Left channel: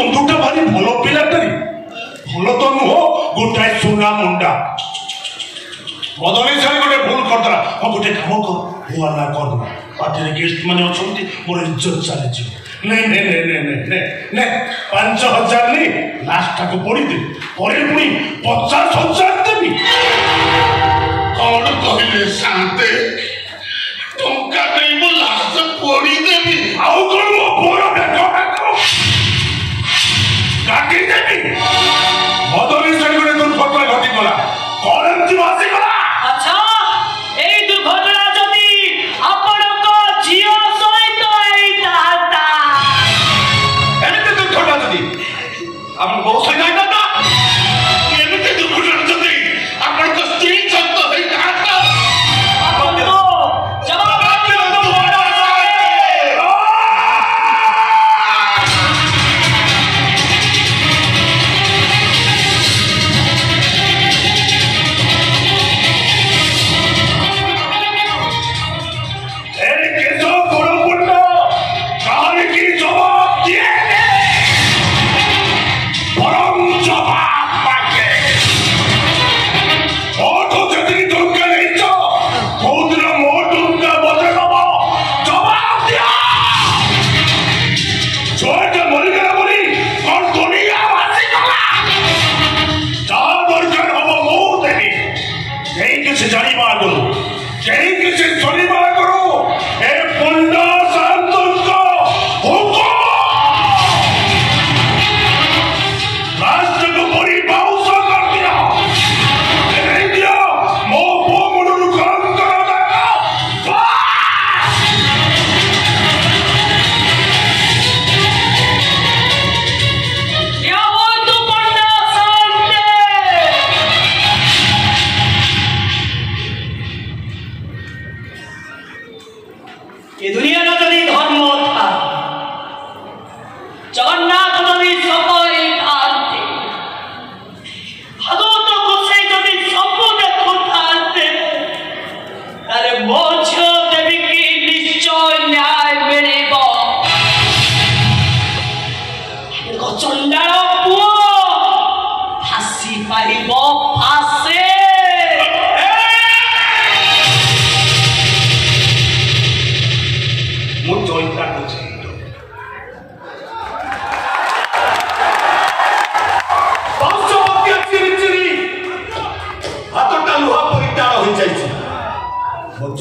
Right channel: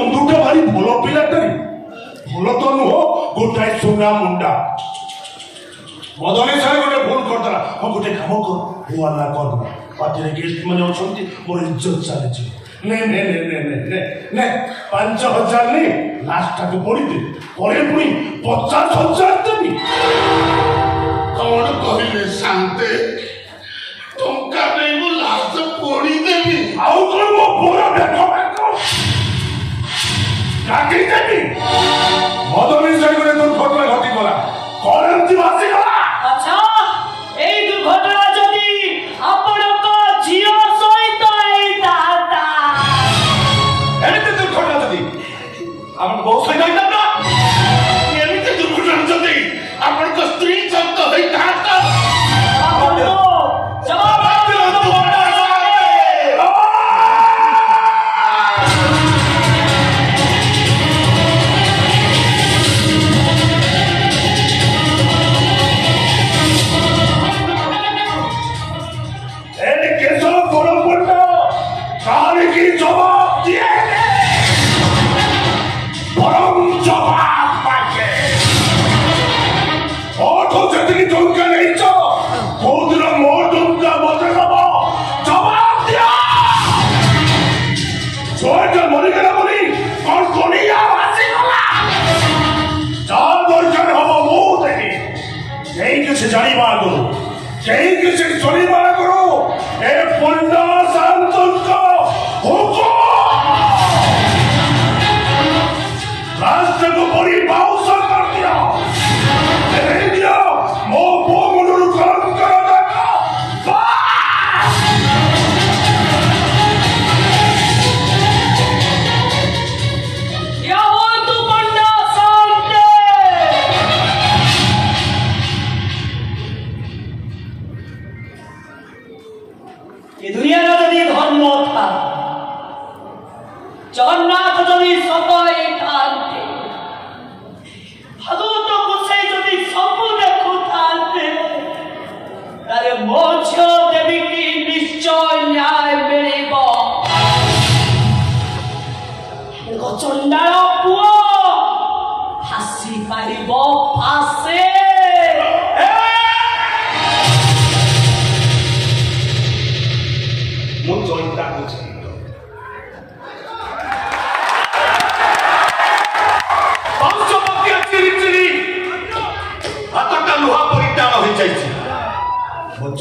नंदुटा भारी भलो पिलाटे भलो तो नुह गोटाए सुना मुंडा बदली सारे गोटे भूल करदला हाँ गोटे काम कर हुआ ना करना पार्टी गेस्ट मैंने अच्छे मोर इज्जत चली नहीं नहीं नहीं नहीं नहीं नहीं नहीं 5,000 नहीं लास्ट को पड़ी दे परे पुणी 50,000 देवी कौन कहले शांते टंका नहीं लास्ट पड़ी देवी आउ कौन मो पूरा देखो देखो काटी देवी बदली सारे गोटे दुर्घटना घटी गला कौन एमती बासी गला अच्छा এই দুর্ঘটনা যদি আপনার ঝিও সহিত এইটা এমতি দুর্ঘটনা যদি আপনার বউ সহিত এইটা एमती दुर्घटना जदि आपन को स्त्री सहित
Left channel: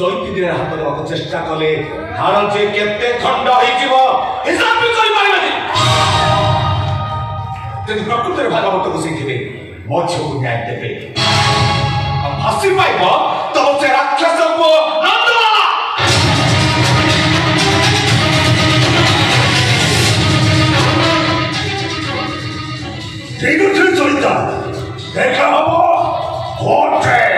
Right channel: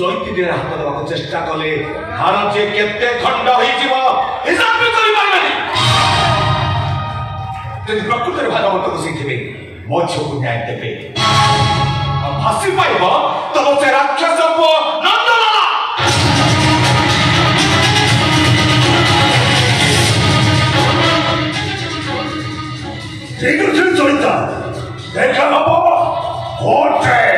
होइता जवाब चेष्टा कले हार जे केते खंड होई जीव हिसाब भी करि पाइबनी तेन प्रकृति भागवत को सीथिबे मो छो न्याय देबे अब फांसी पाइबो तब से राक्षस को नंदलाला ठीक है चलिता देखा हबो होटे